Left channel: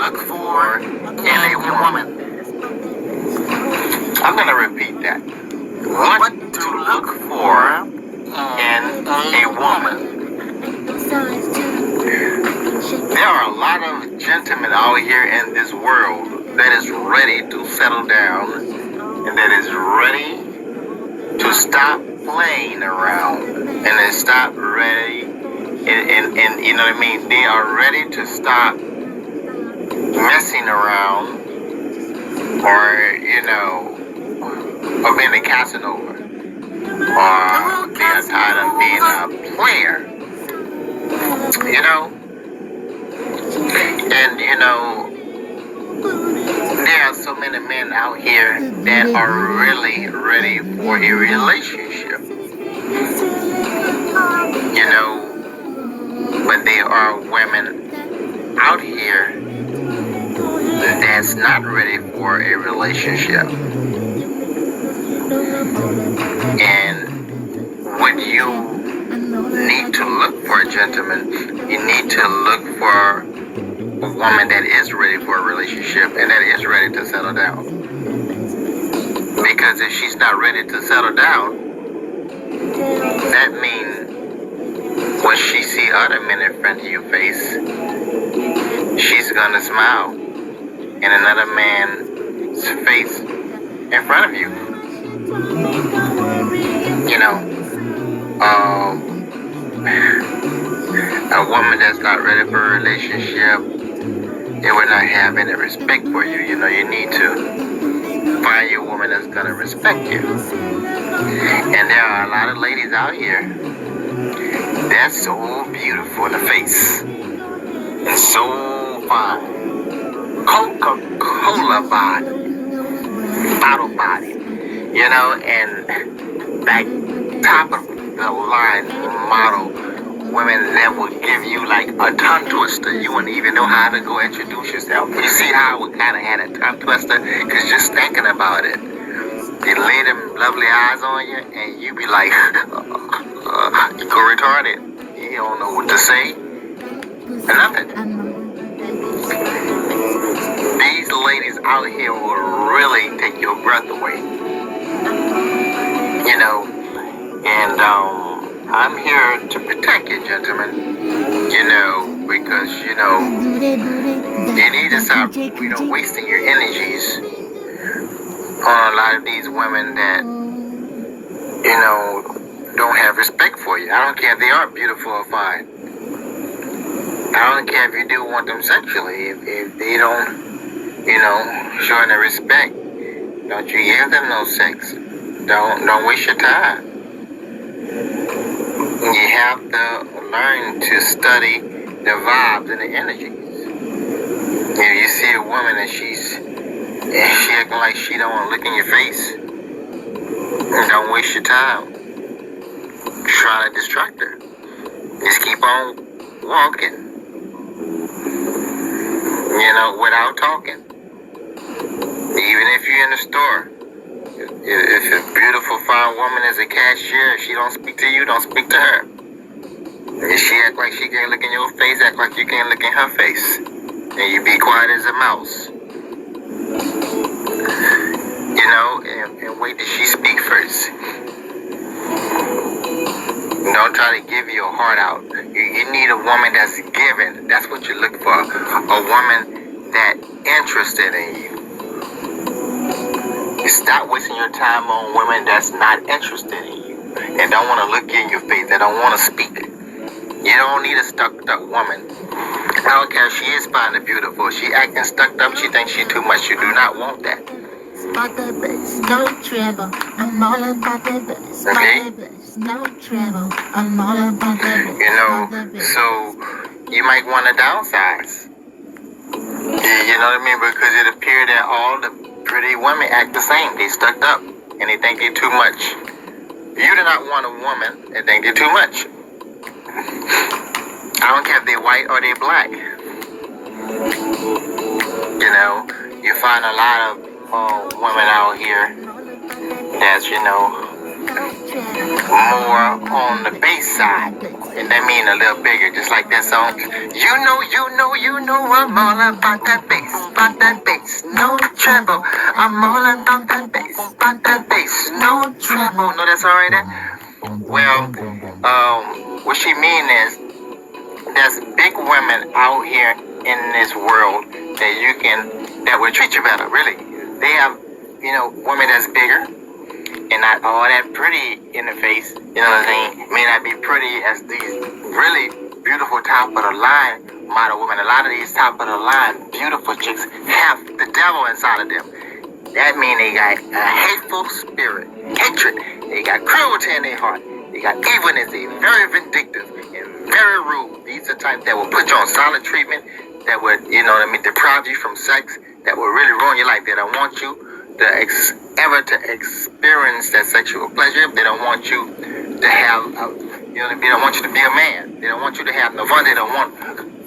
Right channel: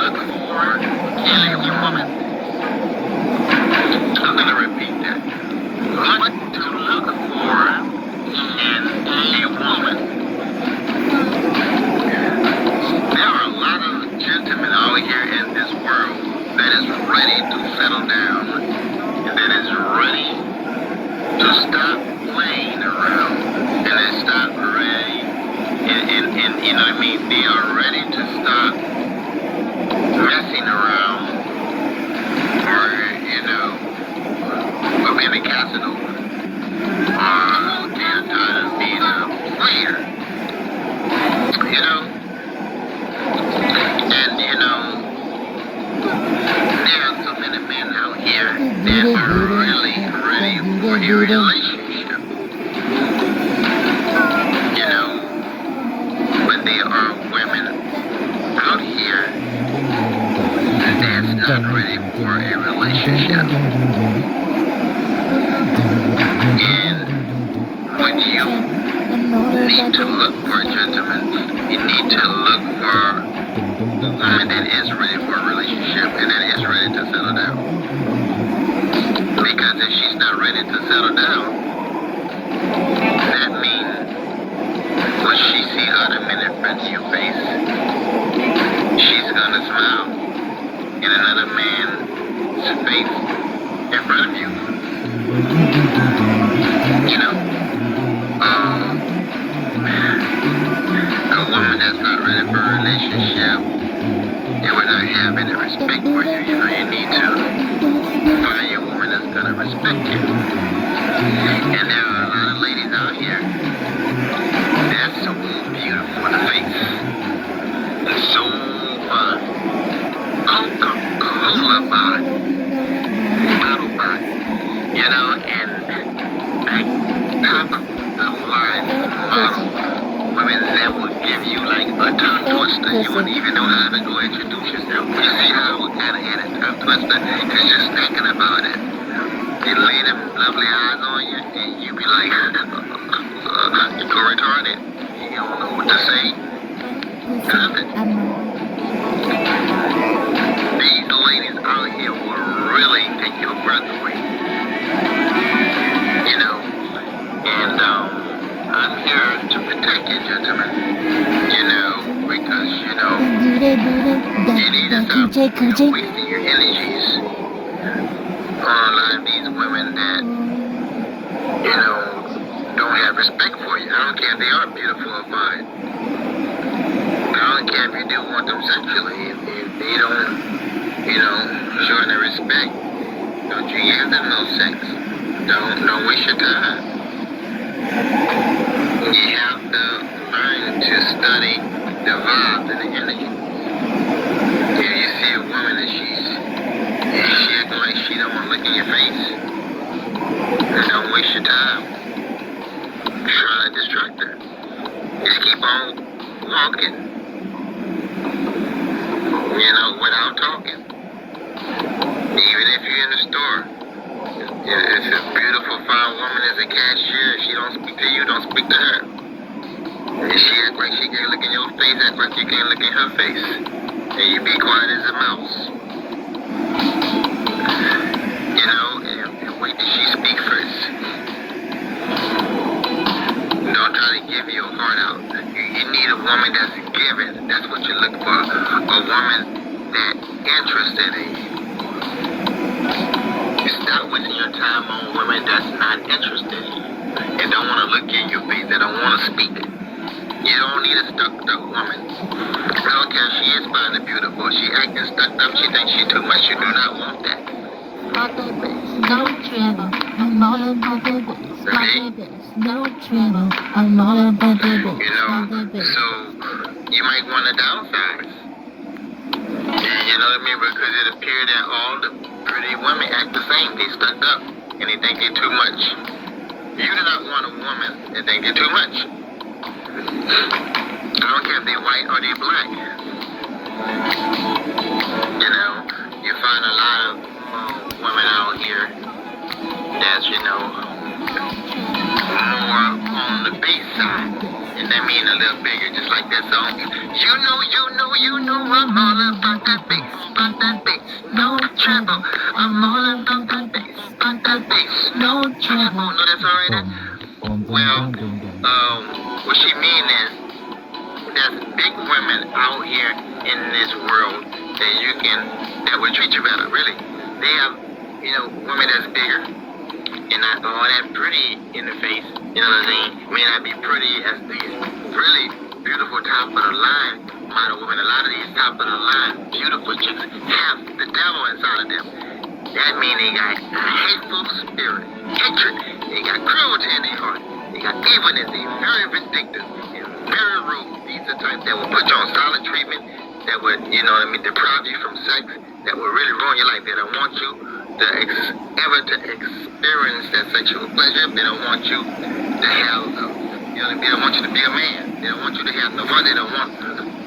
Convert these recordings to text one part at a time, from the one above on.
look for in a woman. I'm going to repeat that. What to look for in a woman. There are a lot of gentlemen out here in this world that is ready to settle down and that is ready to stop playing around and they stop ready and you know what I mean? They are ready to stop messing around or, you know, or being a Casanova or being tired of being a player, you know? And, you know, there are so many men out here that are really ready for a relationship, you know, but there are women out here that's not ready for a relationship. And when you need to look for a gentleman, you need to look for a woman that is ready for a relationship and that is ready to settle down. Because if she's not ready to settle down, that means when she see other men in front of your face, she's gonna smile in another man's face in front of you. You know, a woman that's not ready for a relationship, it will not have any respect for you. You know, you need to find your woman that's gonna respect you. And there are a lot of ladies out here that's so beautiful in the face and so fine. Coca-Cola body, bottle body, you know, and like top of the line model women that will give you like a tongue twister. You wouldn't even know how to go introduce yourself. You see how I would kind of had a tongue twister? Because just thinking about it, they lay them lovely eyes on you and you be like, you go retarded. You don't know what to say. Nothing. These ladies out here will really take your breath away. You know, and I'm here to protect you, gentlemen. You know, because, you know, you need to stop, you know, wasting your energies on a lot of these women that, you know, don't have respect for you. I don't care if they are beautiful or fine. I don't care if you do want them sexually. If they don't, you know, show any respect, don't you give them no sex. Don't waste your time. You have to learn to study the vibes and the energy. If you see a woman and she acting like she don't want to look in your face, don't waste your time. Try to distract her. Just keep on walking. You know, without talking. Even if you're in the store. If a beautiful, fine woman is a cashier, if she don't speak to you, don't speak to her. If she act like she can't look in your face, act like you can't look in her face. And you be quiet as a mouse. You know, and wait till she speak first. Don't try to give your heart out. You need a woman that's giving. That's what you look for. A woman that interested in you. Stop wasting your time on women that's not interested in you and don't want to look in your face. They don't want to speak. You don't need a stuck-up woman. I don't care if she is fine and beautiful. She acting stuck up. She thinks she too much. You do not want that. No trouble. I'm all about the bass. Okay? No trouble. I'm all about the bass. You know, so you might want to downsize. You know what I mean? Because it appears that all the pretty women act the same. They stuck up and they think they're too much. You do not want a woman that think they're too much. I don't care if they're white or they're black. You know, you find a lot of women out here that's, you know, more on the base side. And that mean a little bigger, just like that song. You know, I'm all about that bass, no trouble. I'm all about that bass, no trouble. No, that's all right there? Well, what she mean is, there's big women out here in this world that will treat you better, really. They have, women that's bigger and not all that pretty in the face, you know what I mean? May not be pretty as these really beautiful top of the line model women. A lot of these top of the line beautiful chicks have the devil inside of them. That means they got a hateful spirit, hatred. They got cruelty in their heart. They got evilness. They're very vindictive and very rude. These are types that will put you on silent treatment, that would, deprive you from sex, that will really ruin your life. They don't want you ever to experience that sexual pleasure. They don't want you to have, they don't want you to be a man. They don't want you to have no fun. They don't want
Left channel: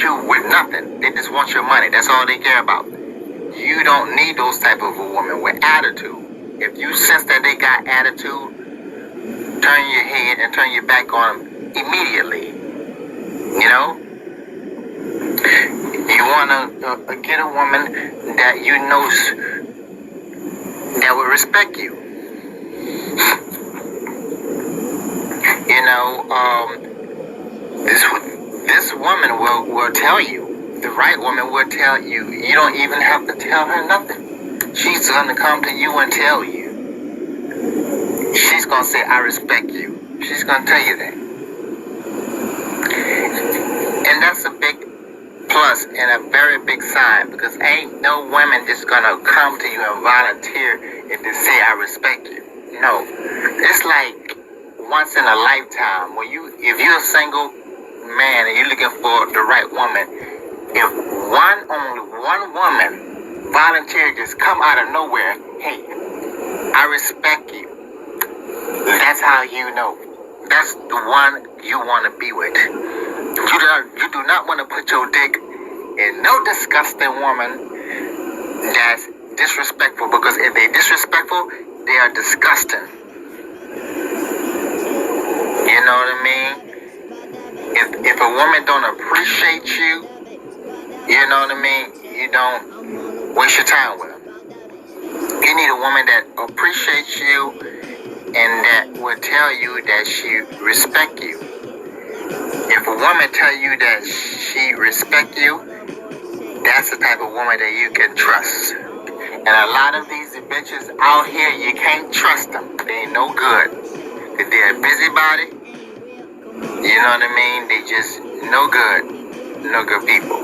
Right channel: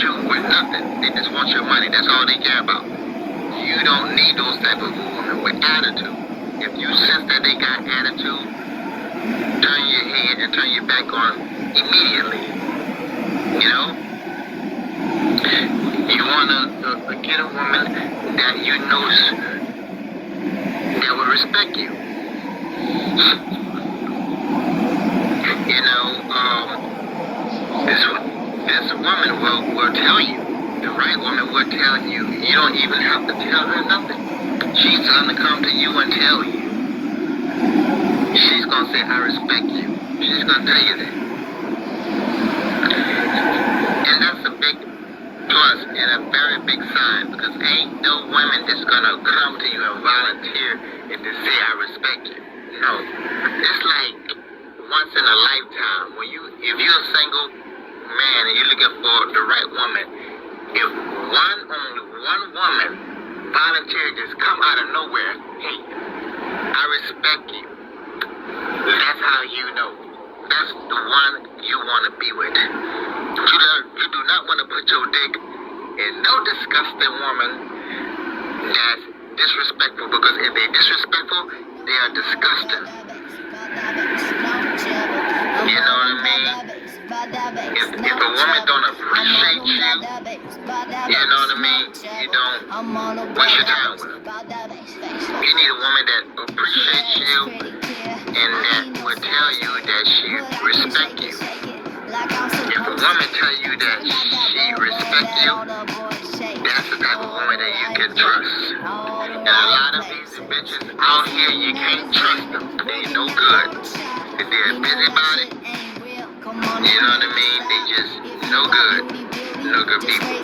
you with nothing. They just want your money. That's all they care about. You don't need those type of a woman with attitude. If you sense that they got attitude, turn your head and turn your back on them immediately. You want to get a woman that you know that will respect you. This woman will tell you, the right woman will tell you, you don't even have to tell her nothing. She's going to come to you and tell you. She's going to say, I respect you. She's going to tell you that. And that's a big plus and a very big sign, because ain't no woman just going to come to you and volunteer and just say, I respect you. No. It's like once in a lifetime. If you're a single man and you're looking for the right woman, if only one woman volunteer just come out of nowhere, hey, I respect you. That's how you know. That's the one you want to be with. You do not want to put your dick in no disgusting woman that's disrespectful, because if they're disrespectful, they are disgusting. You know what I mean? If a woman don't appreciate you, you know what I mean? You don't waste your time with her. You need a woman that appreciates you and that will tell you that she respects you. If a woman tell you that she respects you, that's the type of woman that you can trust. And a lot of these bitches out here, you can't trust them. They ain't no good. If they're a busybody, you know what I mean? They just no good people.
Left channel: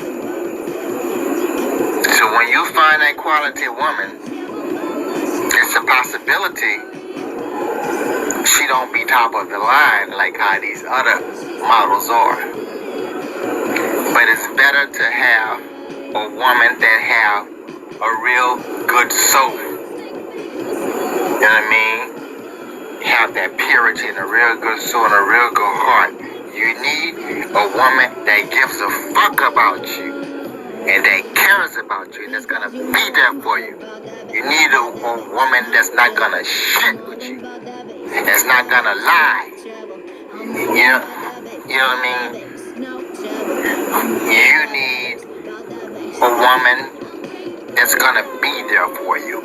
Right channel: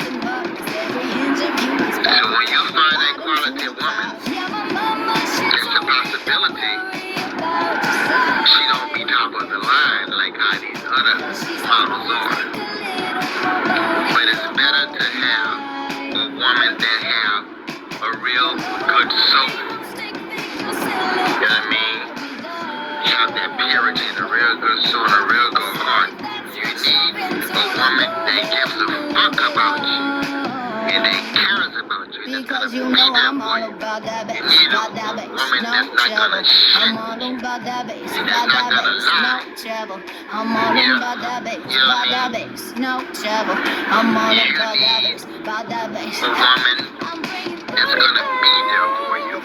So when you find that quality woman, it's a possibility she don't be top of the line like how these other models are. But it's better to have a woman that have a real good soul. You know what I mean? Have that purity and a real good soul and a real good heart. You need a woman that gives a fuck about you and that cares about you, that's gonna be there for you. You need a woman that's not gonna shit with you, that's not gonna lie. You know what I mean? You need a woman that's gonna be there for you.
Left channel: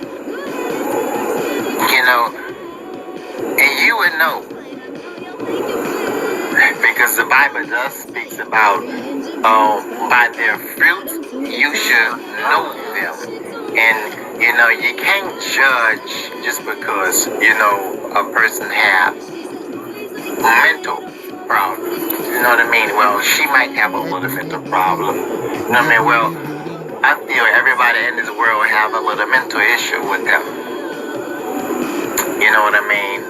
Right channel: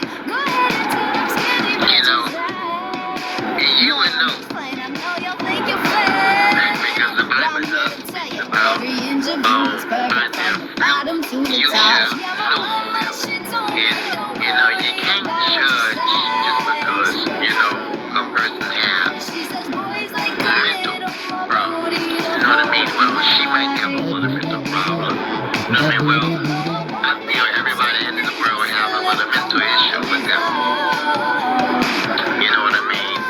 And you would know, because the Bible does speak about by their fruit you should know them. And you can't judge just because a person has mental problems. You know what I mean? Well, she might have a little mental problem. You know what I mean? Well, I feel everybody in this world have a little mental issue with them. You know what I mean?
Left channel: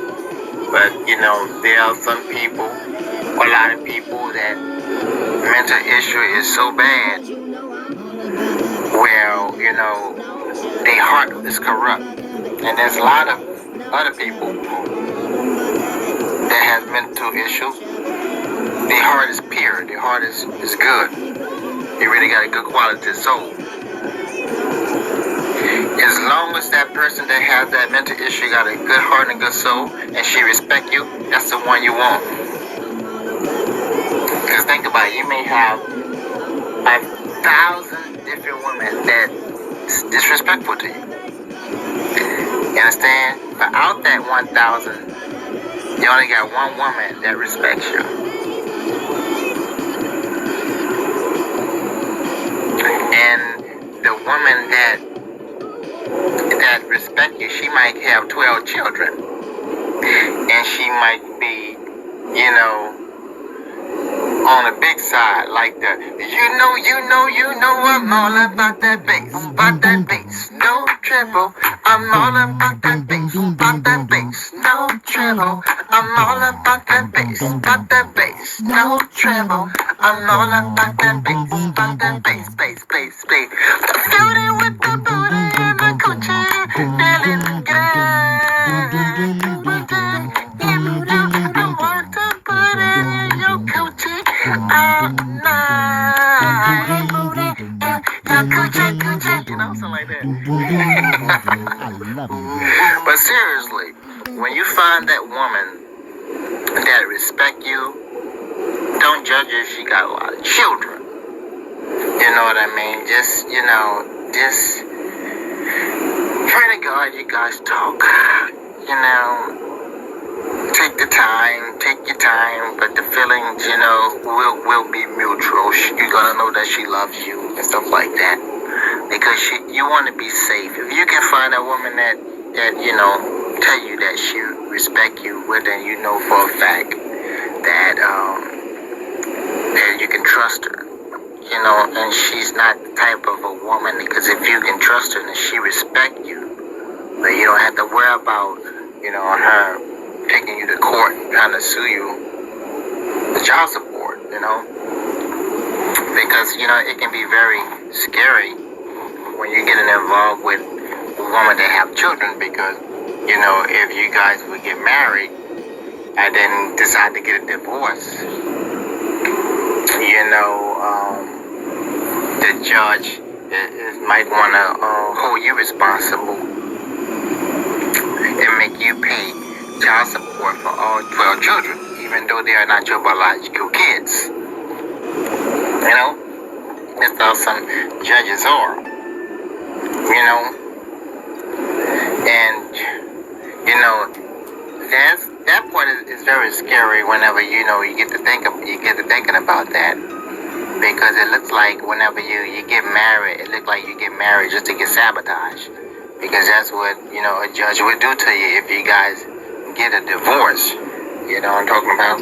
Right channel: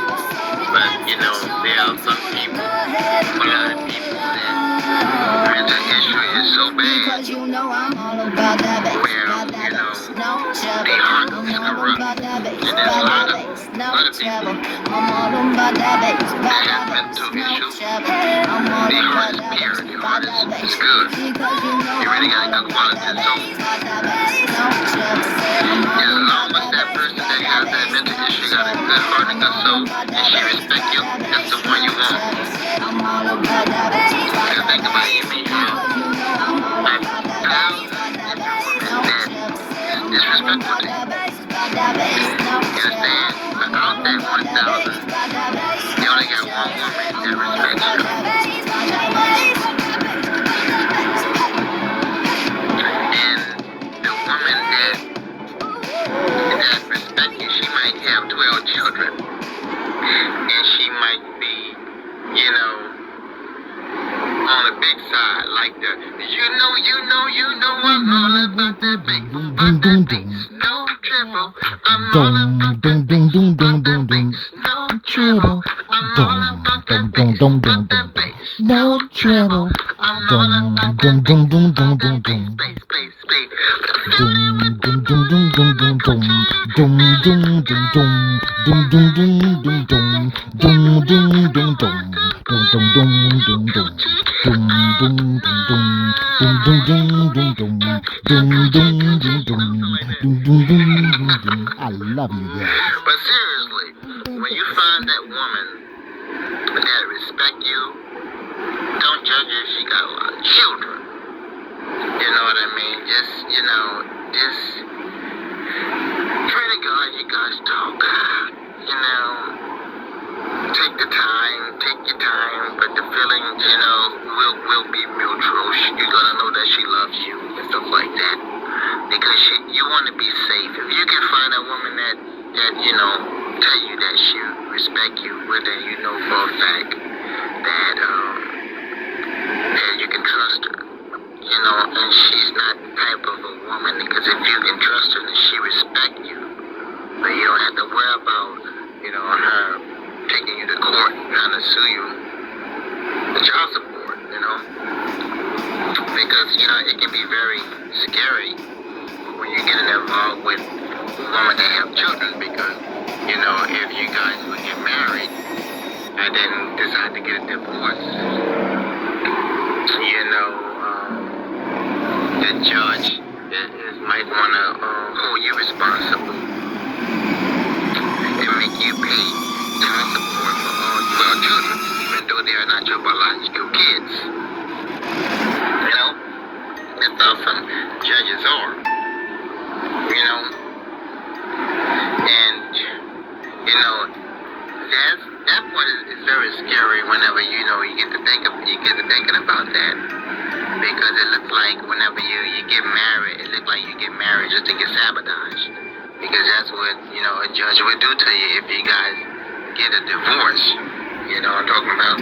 But, there are some people, a lot of people that mental issue is so bad, well, their heart is corrupt. And there's a lot of other people that have mental issues. Their heart is pure. Their heart is good. They really got a good quality soul. As long as that person that has that mental issue got a good heart and a good soul, and she respect you, that's the one you want. Because think about it, you may have 1,000 different women that is disrespectful to you. You understand? But out that 1,000, you only got one woman that respects you. And the woman that respects you, she might have 12 children. And she might be, on the big side, like the, I'm all about that bass, no trouble. I'm all about that bass, no trouble. I'm all about that bass, no trouble. I'm all about that bass. Feel it with the booty and the coochie, feeling I love you. But seriously, when you find that woman that respect you, don't judge her if she got a lot of children. You know what I mean? Just pray to God you guys talk. Take your time, but the feelings, will be mutual. You're gonna know that she loves you and stuff like that. Because you want to be safe. If you can find a woman that tell you that she respect you, well then you know for a fact that you can trust her. And she's not the type of a woman, because if you can trust her and she respect you, but you don't have to worry about, her taking you to court trying to sue you for child support, because, it can be very scary when you're getting involved with a woman that have children, because, if you guys would get married and then decide to get a divorce, the judge might want to hold you responsible and make you pay child support for all 12 children, even though they are not your biological kids. That's how some judges are. And that part is very scary whenever you get to thinking about that, because it looks like whenever you get married, it looks like you get married just to get sabotaged, because that's what a judge would do to you if you guys get a divorce. You know what I'm talking about?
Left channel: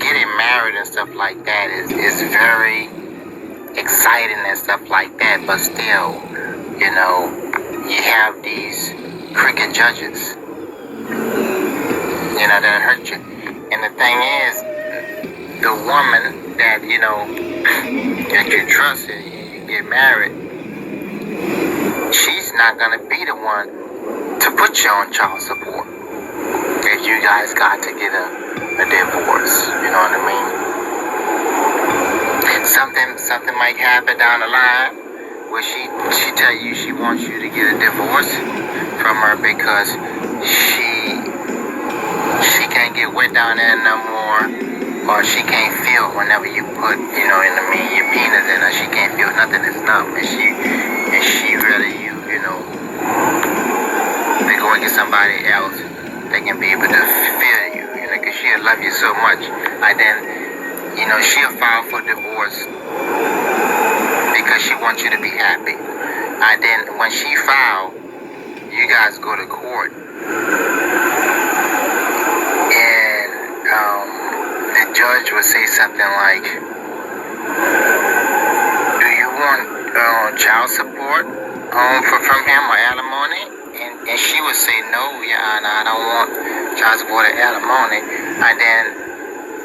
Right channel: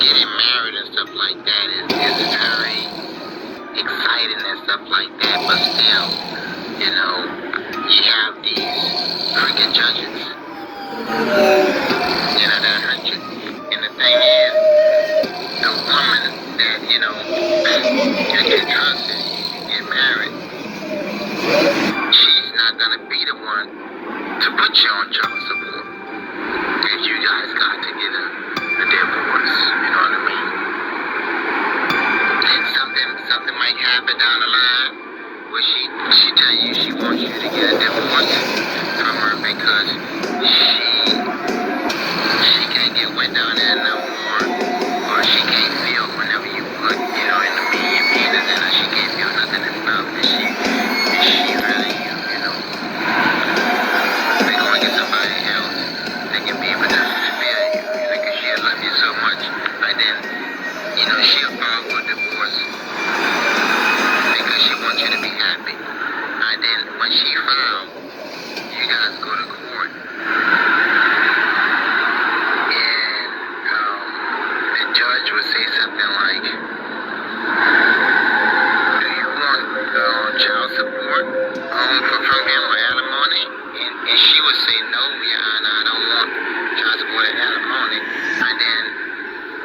Getting married and stuff like that is very exciting and stuff like that, but still, you have these crooked judges, that hurt you. And the thing is, the woman that, that you trust and you get married, she's not going to be the one to put you on child support if you guys got to get a divorce. You know what I mean? Something might happen down the line where she tell you she wants you to get a divorce from her because she can't get wet down there no more, or she can't feel whenever you put your penis in her. She can't feel nothing is numb, and she really they go and get somebody else that can be able to feel you, because she'll love you so much. And then she'll file for divorce because she wants you to be happy. And then when she files, you guys go to court, and the judge will say something like, "Do you want child support from him or alimony?" And she would say, "No, Your Honor, I don't want child support or alimony." And then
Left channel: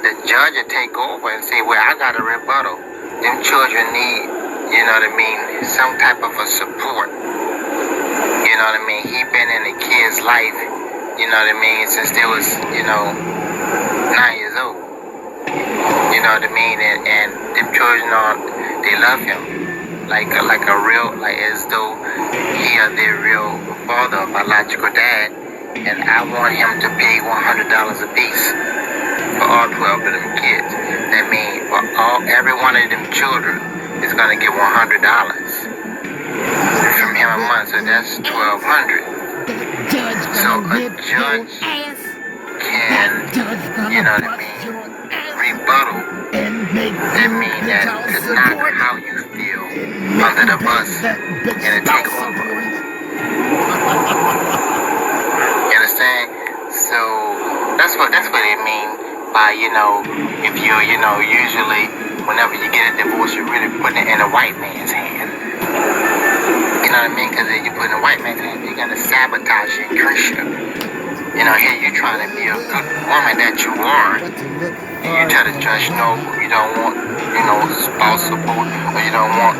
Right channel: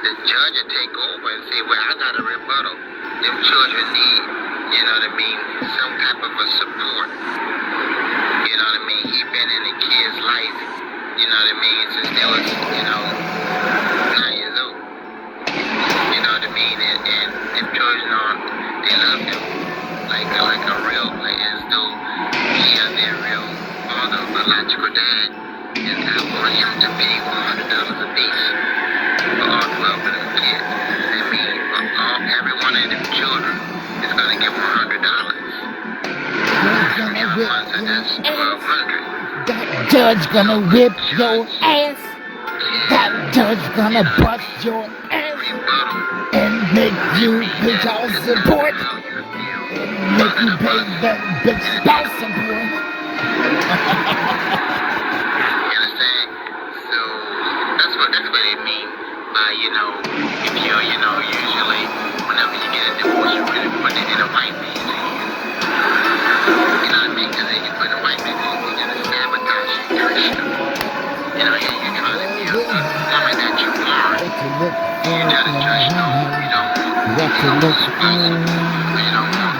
the judge will take over and say, "Well, I got a rebuttal. Them children need, some type of a support. He been in the kid's life, since they was, 9 years old. And them children they love him like a real, like as though he is their real father, biological dad. and I want him to pay $100 a piece for all 12 of them kids. That means for every one of them children is gonna get $100 from him a month, so that's $1,200. That judge gonna whip your ass. That judge gonna bust your ass Rebuttal. and make you pay That child is support. not how you feel Make under you the pay bus. that big And spouse take over. support. You understand? So that's what it means by, if usually whenever you get a divorce, you're really putting it in a white man's hand. You know what I mean? Because if you put it in a white man's hand, you're gonna sabotage your Christian. Here you're trying to be a good woman that you are. You try to judge no, you don't want, spouse support, or you don't want,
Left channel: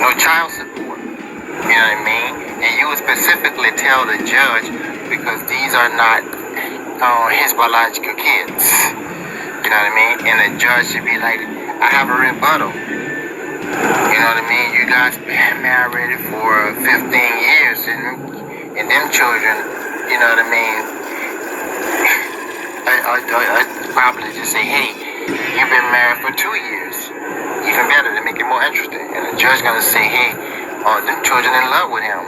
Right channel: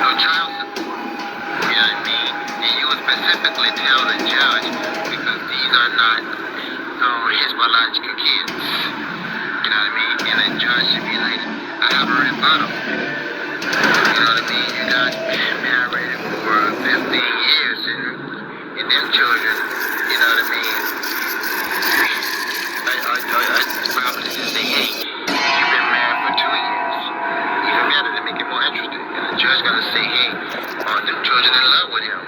no child support. You know what I mean? And you would specifically tell the judge because these are not his biological kids. You know what I mean? And the judge should be like, I have a rebuttal. You know what I mean? You guys been married for 15 years and them children, you know what I mean? I probably just say, hey, you've been married for 2 years. Even better to make it more interesting. And the judge gonna say, hey, them children in love with him.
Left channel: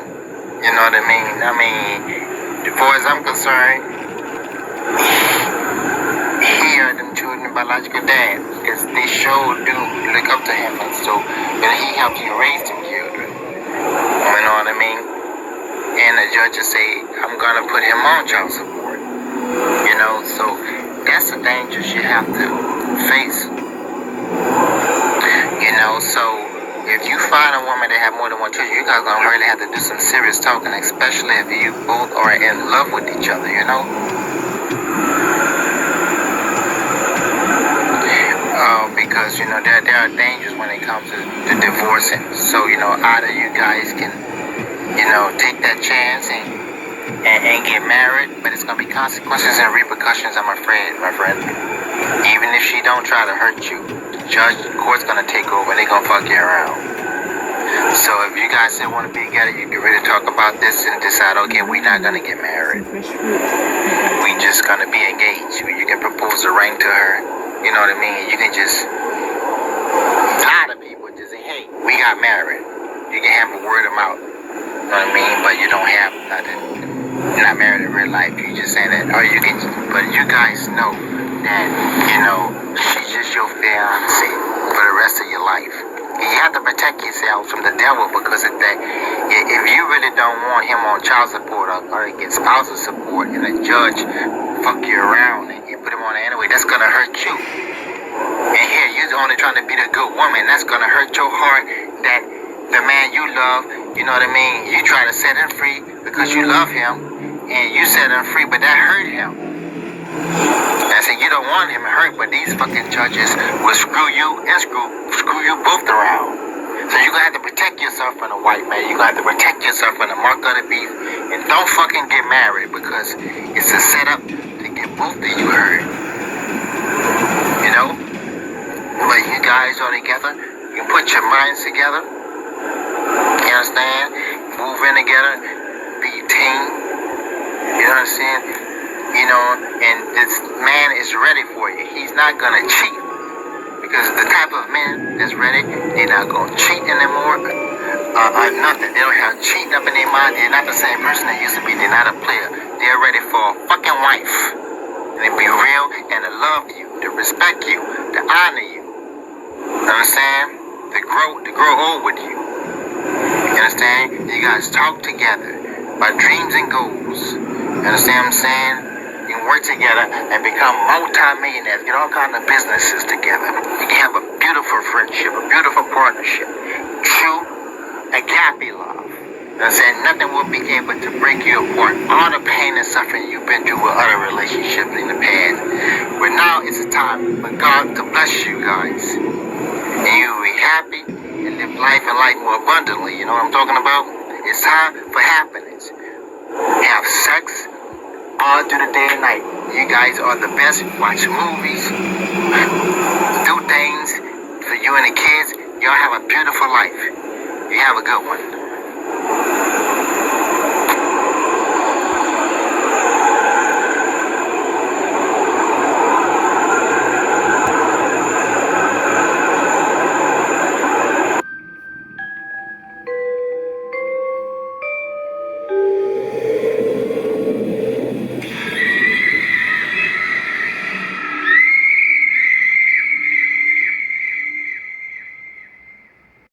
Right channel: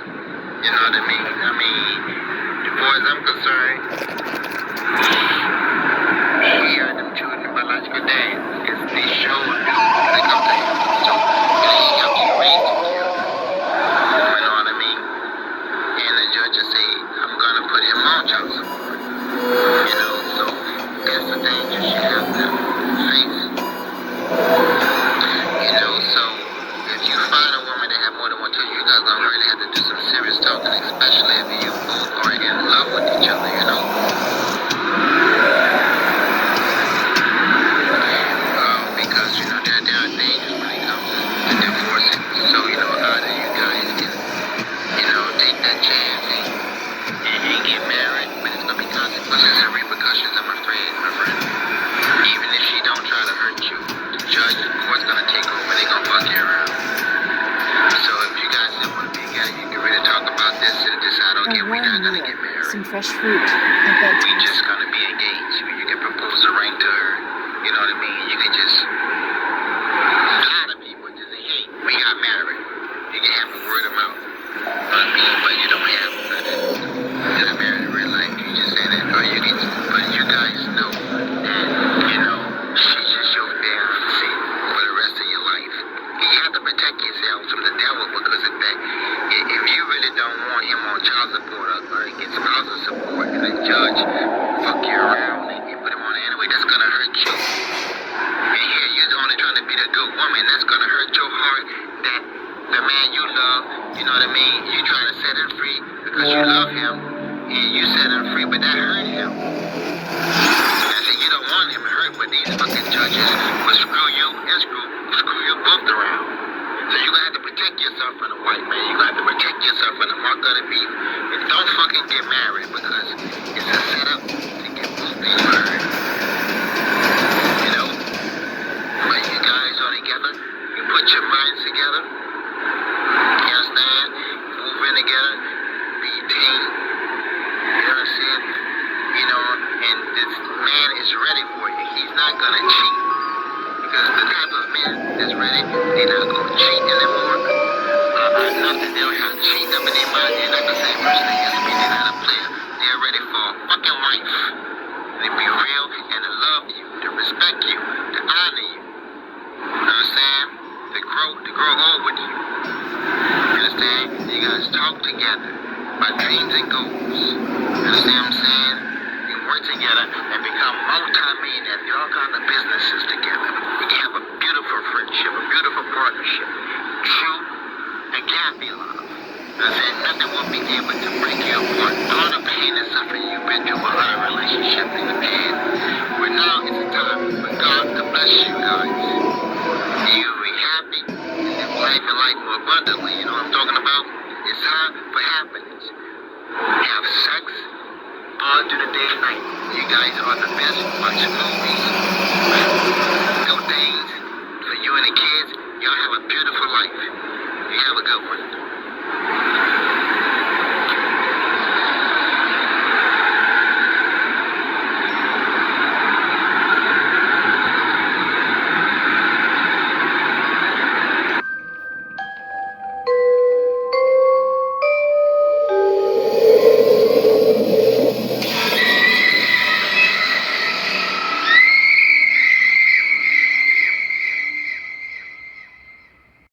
You know what I mean? As far as I'm concerned, here them children biological dad, because they sure do look up to him. So he helps you raise the children. You know what I mean? And the judge will say, I'm gonna put him on child support. So that's the dangers you have to face. So if you find a woman that have more than one child, you guys gonna really have to do some serious talking, especially if you both are in love with each other, because there are dangers when it comes to divorcing. So either you guys can take that chance and get married, but it's gonna be consequences and repercussions, I'm afraid, my friend. Even if she don't try to hurt you, the judge, the court's gonna take over. They gonna fuck you around. So if you guys still want to be together, you can really talk about this and decide, okay, we're not gonna get married. We just gonna be engaged. You can propose a ring to her. You know what I mean? You can just, a lot of people just say, hey, we got married. You can have a word of mouth. You know what I mean? But you don't have nothing. You're not married in real life. You just say that. Or you can, but you guys know that, she's just your fiance for the rest of your life. And you have to protect yourself from the devil because if you really don't want him on child support or get spousal support and the judge fuck you around and you put him on it anyway, that's gonna hurt you. And here, you're only trying to be the good woman. That's gonna hurt your heart that the man you love, you know what I mean? You try to set him free because you love him and you set him free, but that hurt him. I said, you don't want him to hurt, but these fucking judges will screw you and screw you both around. So you're gonna have to protect yourself from a white man. You're gonna have to protect yourself from the mark of the beast. And don't fucking get married because it's a setup to get both of you hurt. When you guys are together, you put your minds together. You understand? Move in together, be a team. You know what I'm saying? And this man is ready for you. He's not gonna cheat. Because the type of men that's ready, they're not gonna cheat anymore. Nothing. They don't have cheating up in their mind. They're not the same person they used to be. They're not a player. They're ready for a fucking wife. And to be real and to love you, to respect you, to honor you. Understand? To grow old with you. You understand? You guys talk together about dreams and goals. You understand what I'm saying? You can work together and become multi-millionaires. Get all kinds of businesses together. You can have a beautiful friendship, a beautiful partnership. True agape love. You understand? Nothing will be able to break you apart. All the pain and suffering you've been through with other relationships in the past. But now it's a time for God to bless you guys. And you will be happy and live life and life more abundantly. You know what I'm talking about? It's time for happiness. Have sex all through the day and night. You guys are the best. Watch movies. Do things for you and the kids. Y'all have a beautiful life. You have a good one.